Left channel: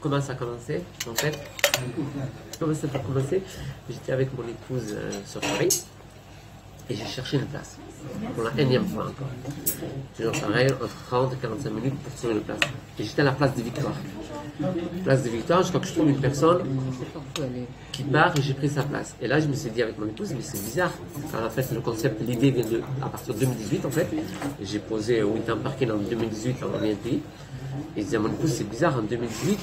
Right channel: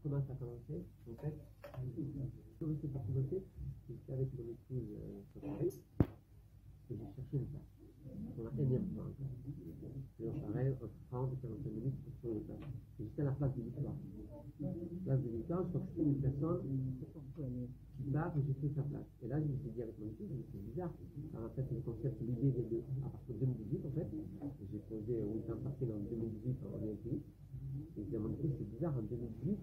Comment ça a commencé? En fait, comment ça a commencé? J'étais avec mon épouse sur Paris et j'ai cherché une place. Pour la énième fois encore. Toujours pareil, entre 30 et 45 minutes pour trouver une place. Et j'étais à la place des Victoires. Place des Victoires, je crois que je trouve une personne qui part et j'ai pris sa place. Et là, je me suis dit avec mon épouse, mais c'est bizarre. Alors, en fait, le concept, l'idée vient à partir de 2018 en fait. J'ai posé Winter Parking en 2018 en BNPI. Et je disais à mon épouse, c'est bizarre, en 2018,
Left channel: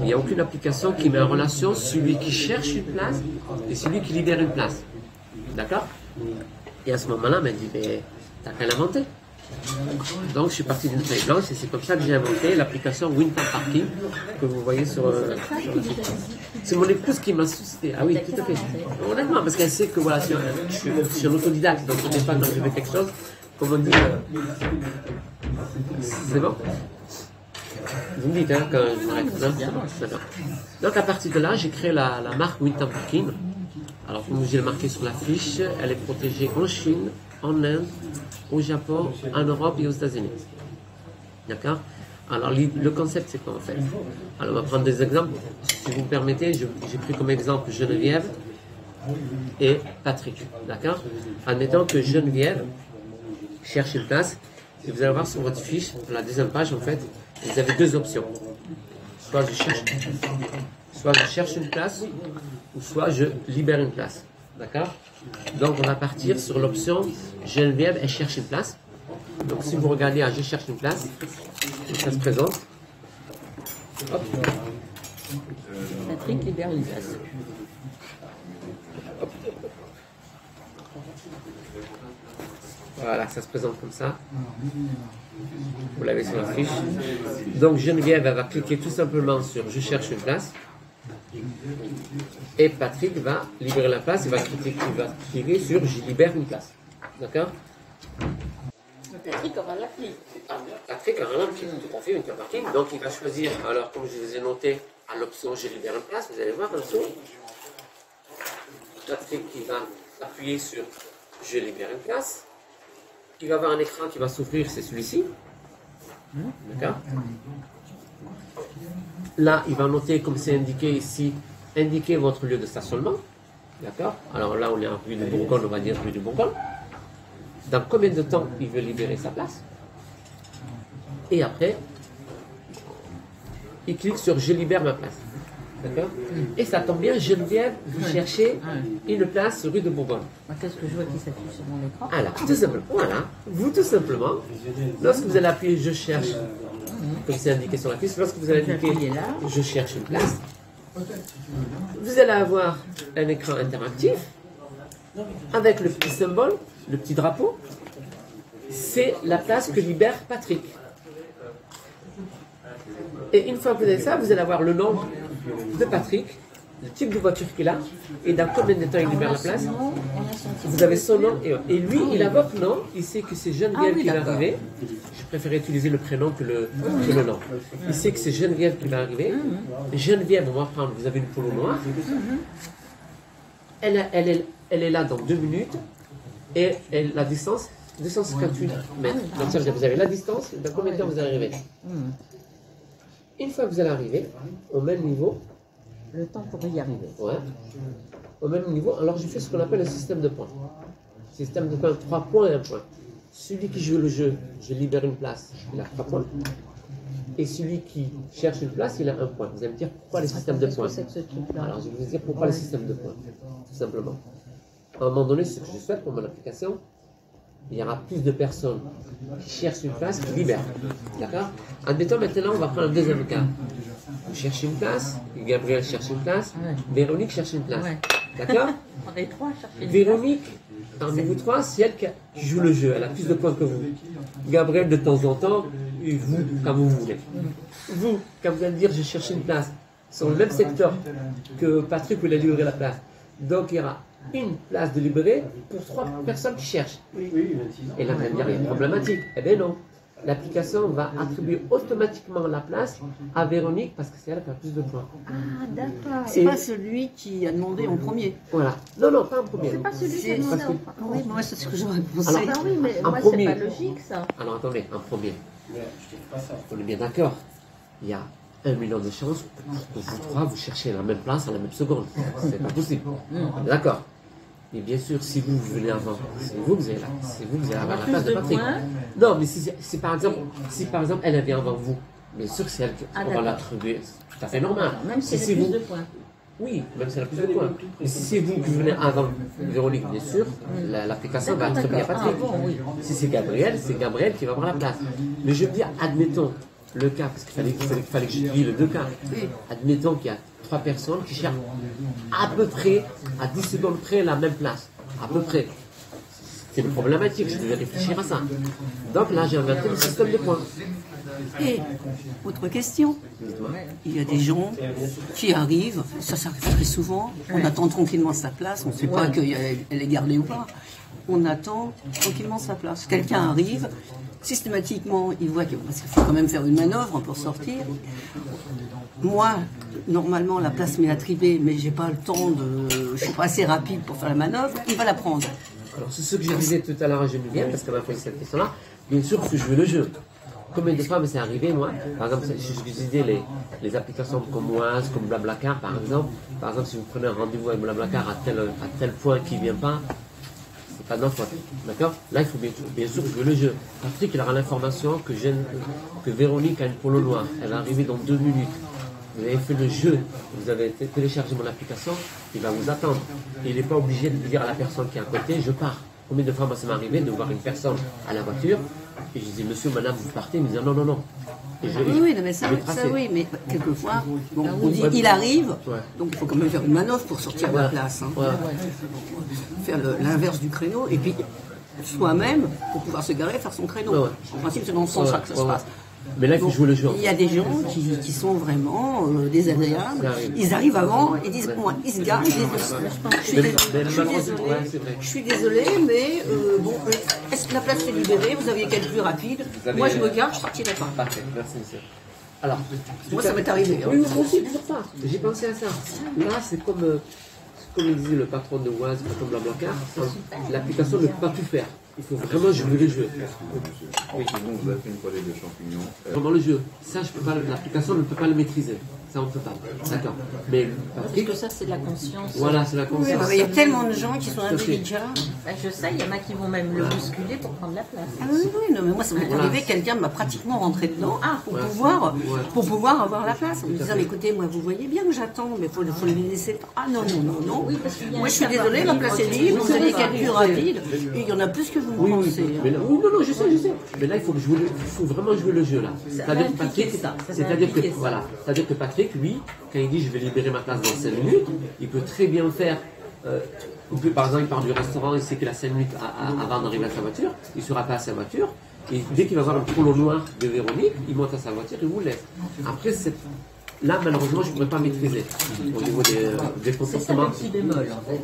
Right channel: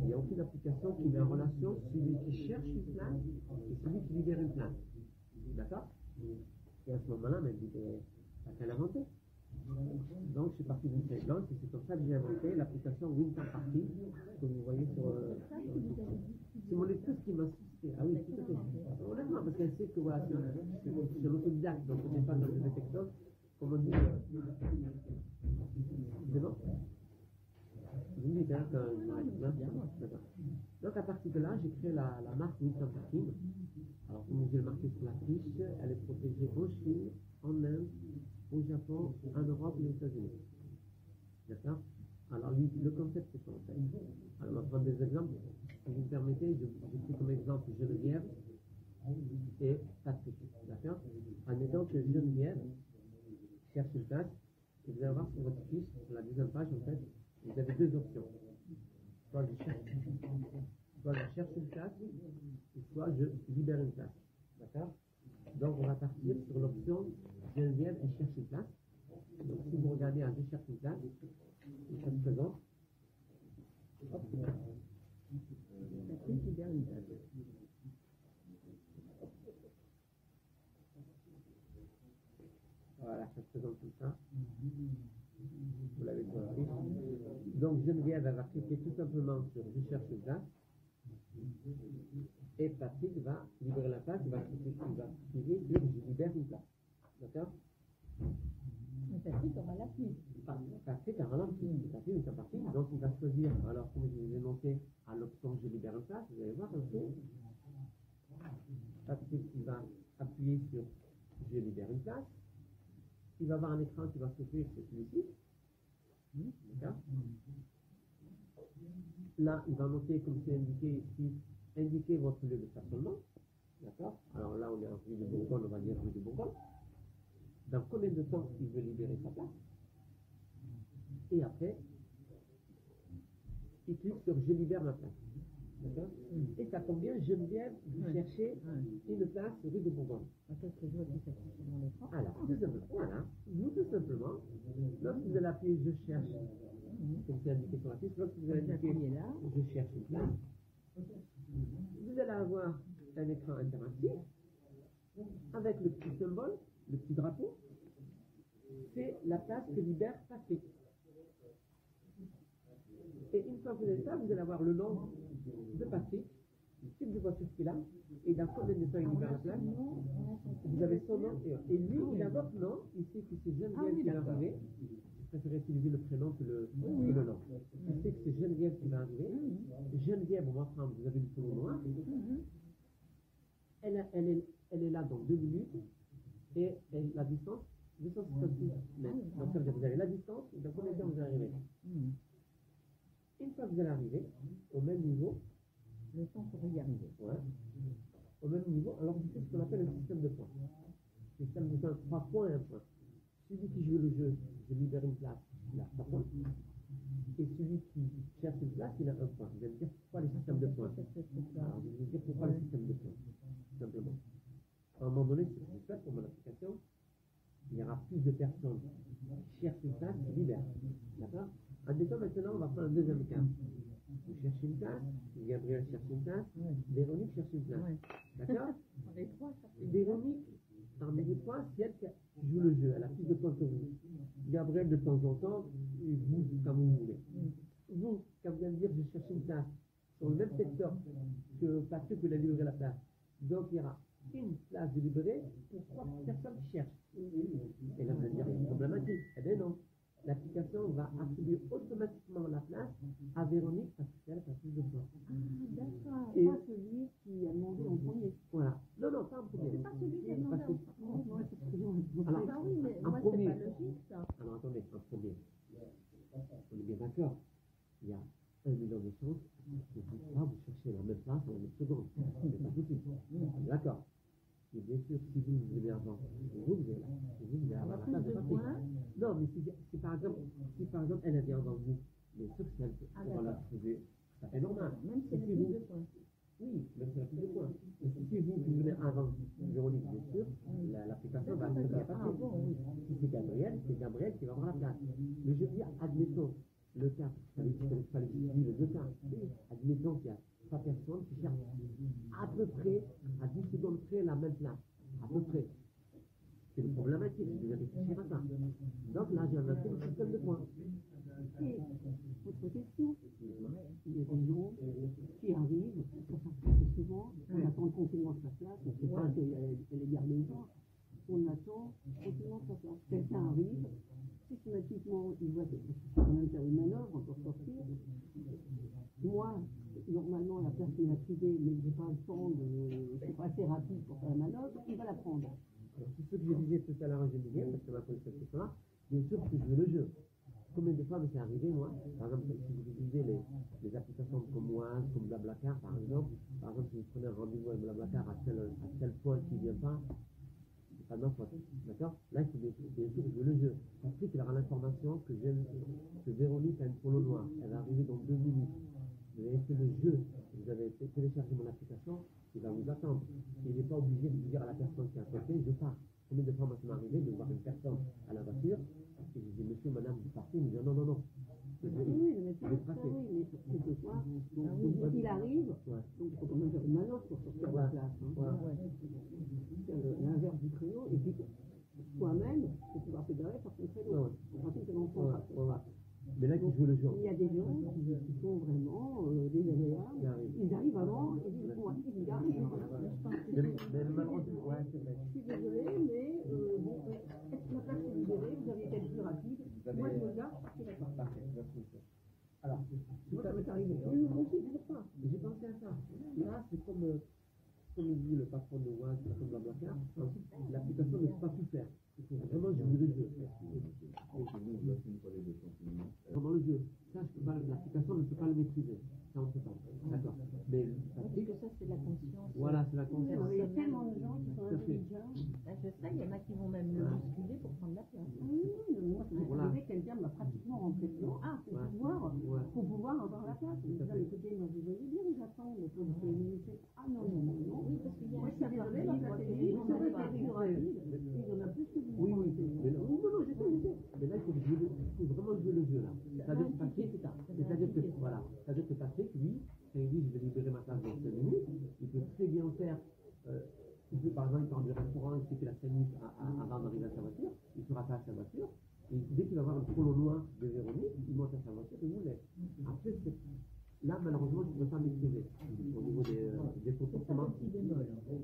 il n'y a aucune application qui met en relation celui qui cherche une place et celui qui libère une place. D'accord? Et à ce moment-là, elle m'a dit, mais t'as qu'à l'inventer. Donc je suis parti d'une feuille blanche et c'est comme ça que j'ai inventé l'application Winter Parking que vous voyez sur c'est mon épouse qui m'a suscité. Ah oui, tout à fait. Honnêtement, parce qu'elle sait que voilà, je suis un autodidacte, donc je ne sais pas quand je fais quelque chose, comme on dit, c'est bon? Vous me dites hein, quand je m'arrête. D'accord. Donc à partir de là, j'ai créé la marque Winter Parking. Alors comme j'ai marqué sur la fiche, elle est protégée en Chine, en Inde, au Japon, en Europe et aux États-Unis. D'accord? Alors le concept c'est quoi en fait? Alors on va prendre des exemples. Si vous me permettez, j'ai pris comme exemple Geneviève et Patrick. D'accord? Admettons que Geneviève cherche une place. Et vous allez voir sur votre fiche, la deuxième page en fait, vous avez deux options. Soit je cherche une place, ou soit je libère une place. D'accord? Donc on va partir sur l'option Geneviève, elle cherche une place. Donc si vous regardez à je cherche une place, ça se présente. Hop. Patrick libère une place. Hop. Voilà, ça se présente comme ça. Vous l'avez sur la fiche. Donc Geneviève, elle va cliquer tout simplement sur je cherche une place. Et Patrick va libérer la place, il va cliquer sur je libère une place. D'accord? Patrick aura l'appli. Patrick aura l'appli, tout à fait, Winter Parking. Donc il va choisir, alors comme je vous ai noté, à l'option je libère une place, vous allez voir en dessous. Patrick il va appuyer sur je libère une place. Il va avoir un écran qui va s'ouvrir, c'est celui-ci. D'accord? Là, il va noter, comme c'est indiqué ici, indiquer votre lieu de stationnement. D'accord? Alors là, on est en rue de Bourgogne, on va dire rue de Bourgogne. Dans combien de temps il veut libérer sa place? Et après, il clique sur je libère ma place. D'accord? Et ça tombe bien, Geneviève, vous cherchez une place rue de Bourgogne. Qu'est-ce que je vois qui s'affiche sur mon écran? Alors, tout simplement, voilà, vous tout simplement, lorsque vous allez appuyer je cherche, comme c'est indiqué sur la fiche, lorsque vous allez indiquer je cherche une place, vous allez avoir un écran interactif avec le petit symbole, le petit drapeau. C'est la place que libère Patrick. Et une fois que vous avez ça, vous allez avoir le nom de Patrick, le type de voiture qu'il a, et dans combien de temps il libère la place. Vous avez son nom, et lui, il a votre nom, il sait que c'est Geneviève qui va arriver. Je préfère utiliser le prénom que le nom. Il sait que c'est Geneviève qui va arriver. Geneviève, on va prendre, vous avez une polo noire. Elle est là dans 2 minutes, et la distance, 258 mètres. Donc ça veut dire que vous avez la distance, dans combien de temps vous allez arriver. Une fois que vous allez arriver, au même niveau, le temps pour y arriver. Ouais. Au même niveau, alors je fais ce qu'on appelle un système de points. Système de points, 3 points et 1 point. Celui qui joue le jeu, je libère une place, il a 3 points. Et celui qui cherche une place, il a 1 point. Vous allez me dire pourquoi les systèmes de points? Alors je vais vous dire pourquoi les systèmes de points. Tout simplement. À un moment donné, ce que je souhaite pour mon application, il y aura plus de personnes qui cherchent une place qui libèrent. D'accord? Admettons maintenant, on va prendre un deuxième cas. Vous cherchez une place, Gabriel cherche une place, Véronique cherche une place. D'accord? On est 3 à chercher une Véronique, parmi vous 3, c'est elle qui joue le jeu. Elle a plus de points que vous. Gabriel, de temps en temps, et vous, quand vous voulez. Vous, quand vous allez dire je cherche une place, sur le même secteur que Patrick voulait livrer la place. Donc il y aura une place de libérer pour 3 personnes qui cherchent. Et là, vous allez me dire, il y a une problématique. Eh bien non. L'application va attribuer automatiquement la place à Véronique parce que c'est elle qui a plus de points. Ah, d'accord. C'est pas celui qui a demandé en premier. Voilà. Non, non, pas en premier. C'est pas celui qui a demandé en premier. Oui, moi, c'est ce que j'aurais pensé. Alors, Ah oui, mais en moi, premier. c'est pas logique, ça. Alors, attendez, en premier. On est bien d'accord. Il y a 1 million de chances pour que vous trois, vous cherchez la même place à la même seconde. C'est pas possible. D'accord. Mais bien sûr, si vous venez avant, c'est vous que vous allez avoir la place de Patrick. Non, mais si par exemple, elle vient avant vous, bien sûr, c'est elle qu'on va l'attribuer. C'est tout à fait normal. Même si elle a plus de points. Oui, même si elle a plus de points. Mais si c'est vous qui venez avant Véronique, bien sûr, l'application va attribuer à Patrick. Si c'est Gabriel qui va avoir la place. Mais je veux dire, admettons le cas, parce qu'il fallait que je dise les deux cas. Admettons qu'il y a 3 personnes qui cherchent à peu près, à 10 secondes près, la même place. À peu près. C'est une problématique, je devais réfléchir à ça. Donc là, j'ai inventé le système de points. Et, autre question, il y a des gens qui arrivent, ça arrive très souvent, on attend tranquillement sa place, on ne sait pas qu'elle est gardée ou pas, on attend tranquillement sa place. Quelqu'un arrive, systématiquement, il voit parce qu'il faut quand même faire une manœuvre pour sortir. Moi, normalement, la place m'est attribuée, mais j'ai pas le temps je ne suis pas assez rapide pour faire la manœuvre, il va la prendre. Alors, c'est ce que je disais tout à l'heure à Geneviève, parce qu'elle m'a posé cette question-là. Bien sûr, parce que je veux le jeu. Combien de fois c'est arrivé, moi, par exemple, si je disais les applications comme Oise, comme Blablacar, par exemple, si vous prenez un rendez-vous avec Blablacar à tel point qu'il ne vient pas, c'est pas de notre faute, d'accord? Là, il faut bien sûr jouer le jeu. Patrick, il aura l'information que Véronique a une polo noire, elle est arrivée dans 2 minutes. Vous avez fait le jeu, vous avez téléchargé mon application, il va vous attendre. Il n'est pas obligé de dire à la personne qui est à côté, je pars. Combien de fois, moi, ça m'est arrivé de voir une personne à la voiture, et je dis, monsieur, madame, vous partez, il me dit, non, non, non. Oui, mais ça oui, mais quelquefois, on dit, il arrive, donc il faut quand même faire une manœuvre pour sortir de la place. Hein. Faire l'inverse du créneau, et puis soi-même, pour pouvoir se garer, faire son créneau. En principe, c'est dans ce sens-là que ça se passe. Mais là, il faut jouer le jeu. Il y a des gens qui sont vraiment désagréables. Ils arrivent avant et disent, moi, ils se garent, ils disent, je suis désolé, mais bon, est-ce que la place est libérée? Vous aviez qu'à être plus rapide. Moi, je me gare, je partirai pas. Parfait, merci, monsieur. Alors, moi, ça m'est arrivé. Oui, moi aussi, toujours pas. J'ai pensé à ça. Là, c'est comme il disait le patron de Oise, le patron de Blablacar, l'application ne peut pas tout faire. Il faut vraiment jouer le jeu. Oui, bon, vous avez fait une poêlée de champignons. Vraiment le jeu. Ça, l'application ne peut pas le maîtriser. Ça, on ne peut pas. D'accord. Mais Patrick, parce que ça, c'est de la conscience. Voilà, c'est la conscience. Il y a tellement de gens qui sont indélicats. Je sais, il y en a qui vont même le bousculer pour prendre la place. Ah oui, non, mais moi, ça m'est arrivé, quelqu'un m'a pratiquement rentré dedans pour pouvoir avoir la place. En me disant, écoutez, moi, vous voyez bien que j'attends, mais il faut le laisser. Ah non, non, non, non. Oui, parce qu'il y a moi, je suis désolée, la place est libre, vous allez qu'être plus rapide. Et il y en a plus que vous pensez. Mais là, oui, non, je sais. Mais là, il faut vraiment jouer le jeu, là. C'est-à-dire que Patrick, lui, quand il dit je vais libérer ma place dans 5 minutes, il peut très bien faire. Par exemple, il part du restaurant, il sait qu'il a 5 minutes avant d'arriver à sa voiture, il sera pas à sa voiture, et dès qu'il va voir un polo noir de Véronique, il monte à sa voiture et vous le laisse. Après, là, malheureusement, je ne pourrais pas maîtriser au niveau des comportements. C'est ça le petit bémol, en fait.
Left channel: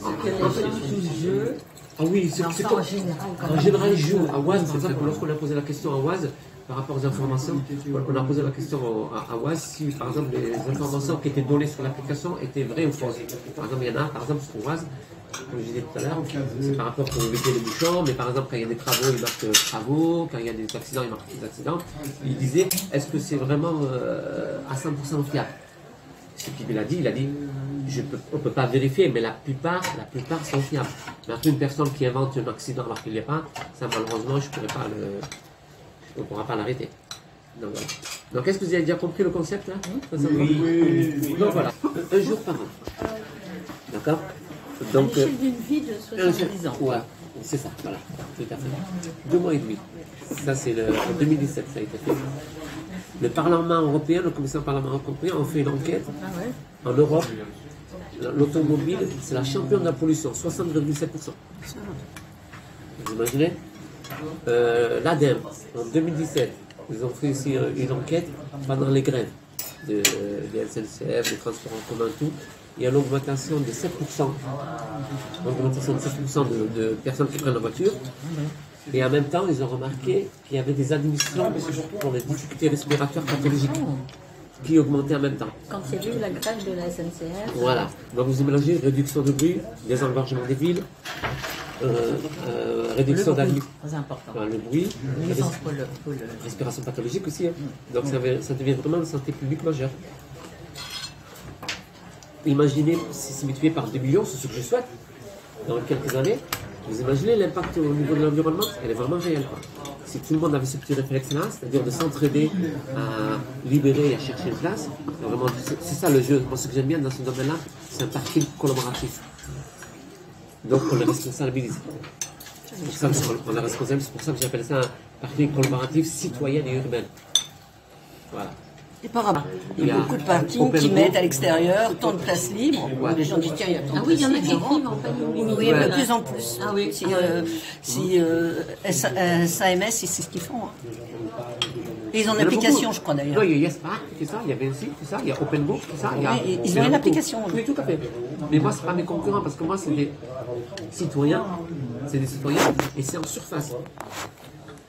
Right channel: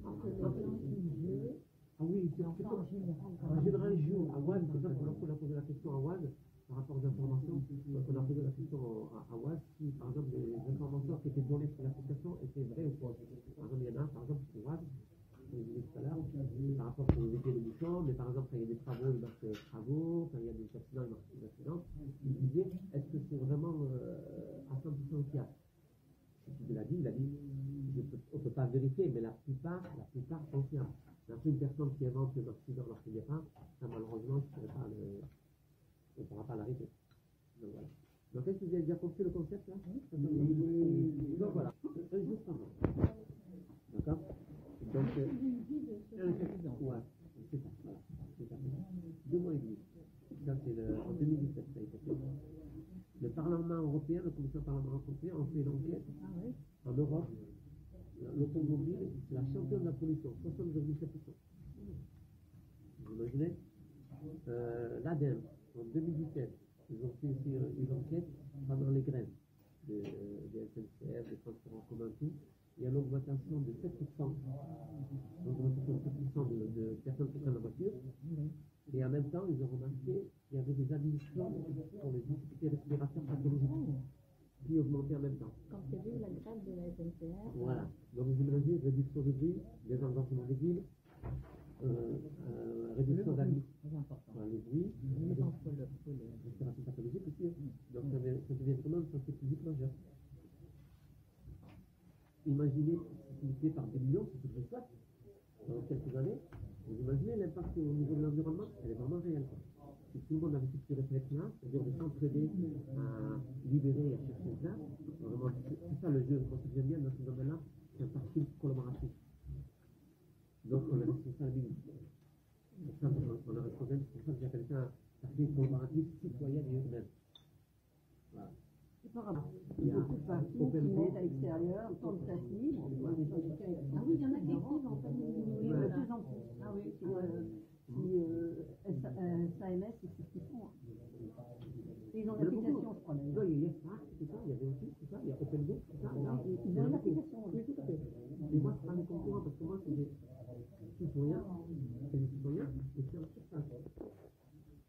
C'est que les gens jouent le jeu. Ah oui, c'est comme. En général, ils jouent à Oise, par exemple, lorsqu'on a posé la question à Oise, par rapport aux informations, on a posé la question à Oise si, par exemple, les informations qui étaient données sur l'application étaient vraies ou fausses. Par exemple, il y en a, par exemple, sur Oise, comme je disais tout à l'heure, c'est par rapport pour éviter les bouchons, mais par exemple, quand il y a des travaux, il marque travaux, quand il y a des accidents, il marque des accidents. Il disait, est-ce que c'est vraiment à 100% fiable? Ce qu'il a dit, on ne peut pas vérifier, mais la plupart sont fiables. Mais après, une personne qui invente un accident alors qu'il n'y est pas, ça, malheureusement, on ne pourra pas l'arrêter. Donc voilà. Donc est-ce que vous avez déjà compris le concept là? Oui. Donc voilà, un jour par an. D'accord? Donc, à l'échelle d'une vie de 70 ans. Ouais, c'est ça, voilà, tout à fait. 2 mois et demi. Ça, c'est en 2017, ça a été fait. Le Parlement européen, le commissaire du Parlement européen, ont fait une enquête en Europe. L'automobile, c'est la championne de la pollution, 60,7%. Vous imaginez? L'ADEME, en 2017, ils ont fait aussi une enquête pendant les grèves des SNCF, des transports en commun, tout. Il y a l'augmentation de 7%, de personnes qui prennent la voiture. Et en même temps, ils ont remarqué qu'il y avait des admissions pour les difficultés respiratoires pathologiques qui augmentaient en même temps. Quand il y a eu la grève de la SNCF. Voilà. Donc vous imaginez, réduction de bruit, désengorgement des villes, réduction Le bruit, d'avis, très important. le bruit, Nuisance pour le... respiration pathologique aussi. Hein. Donc ça devient vraiment une santé publique majeure. Imaginez, si c'est multiplié par 2 millions, c'est ce que je souhaite, dans quelques années, vous imaginez l'impact au niveau de l'environnement, elle est vraiment réelle. Quoi. Si tout le monde avait ce petit réflexe-là, c'est-à-dire de s'entraider à libérer et à chercher une place, vraiment, c'est ça le jeu. Moi, ce que j'aime bien dans ce domaine-là, c'est un parking collaboratif. Donc, on le responsabilise. C'est pour ça qu'on est responsable, c'est pour ça que j'appelle ça un parking collaboratif citoyen et urbain. Voilà. Et par rapport, il y a beaucoup de parkings qui mettent à l'extérieur tant de places libres. Où les gens disent tiens, il y a tant de Ah oui, il y en a places qui libres. écrivent en panneau. Oui, de plus en plus. Ah oui. Si SAMS, c'est ce qu'ils font. Hein. Et ils ont une application, je crois d'ailleurs. Oui, il y a Yespark, c'est ça, il y a Vinci, c'est ça, il y a OpenBook, c'est ça. Oui, ils ont une application. Oui, tout à fait. Mais moi, ce n'est pas mes concurrents, parce que moi, c'est des citoyens, et c'est en surface.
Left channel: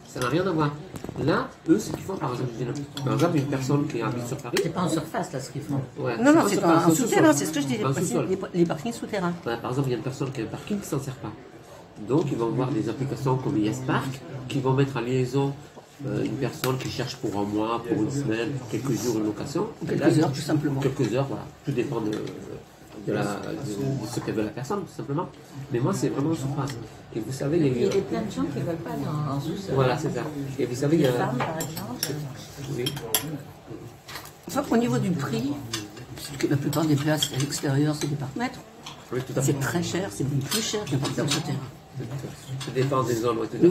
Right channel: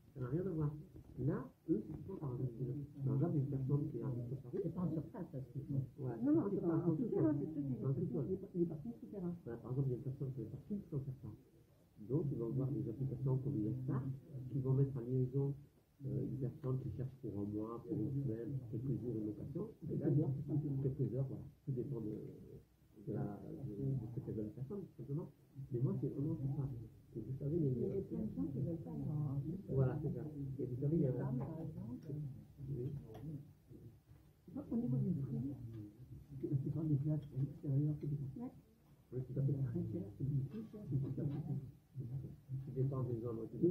Ça n'a rien à voir. Là, eux, ce qu'ils font, par exemple, une personne qui habite sur Paris. C'est pas en surface, là, ce qu'ils font. Ouais, Non, non, pas c'est surface, un souterrain, c'est ce que je disais. Un sous-sol. Les parkings souterrains. Par exemple, il y a une personne qui a un parking qui ne s'en sert pas. Donc, ils vont voir des applications comme Yespark qui vont mettre en liaison une personne qui cherche pour un mois, pour une semaine, pour quelques jours une location. Quelques heures, tout simplement. Quelques heures, voilà. Tout dépend de ce qu'elle veut la personne, tout simplement. Mais moi, c'est vraiment en surface. Et vous savez, Il y a plein de gens qui ne veulent pas aller en sous-sol. Voilà, c'est ça. Et vous savez, il y Les a... femmes, par exemple. Oui. Enfin, au niveau du prix, puisque la plupart des places à l'extérieur, c'est des parcs-mètres. Oui, tout à fait. C'est très cher, c'est plus cher qu'un parking souterrain. Tout dépend des zones. Ouais, tout à fait.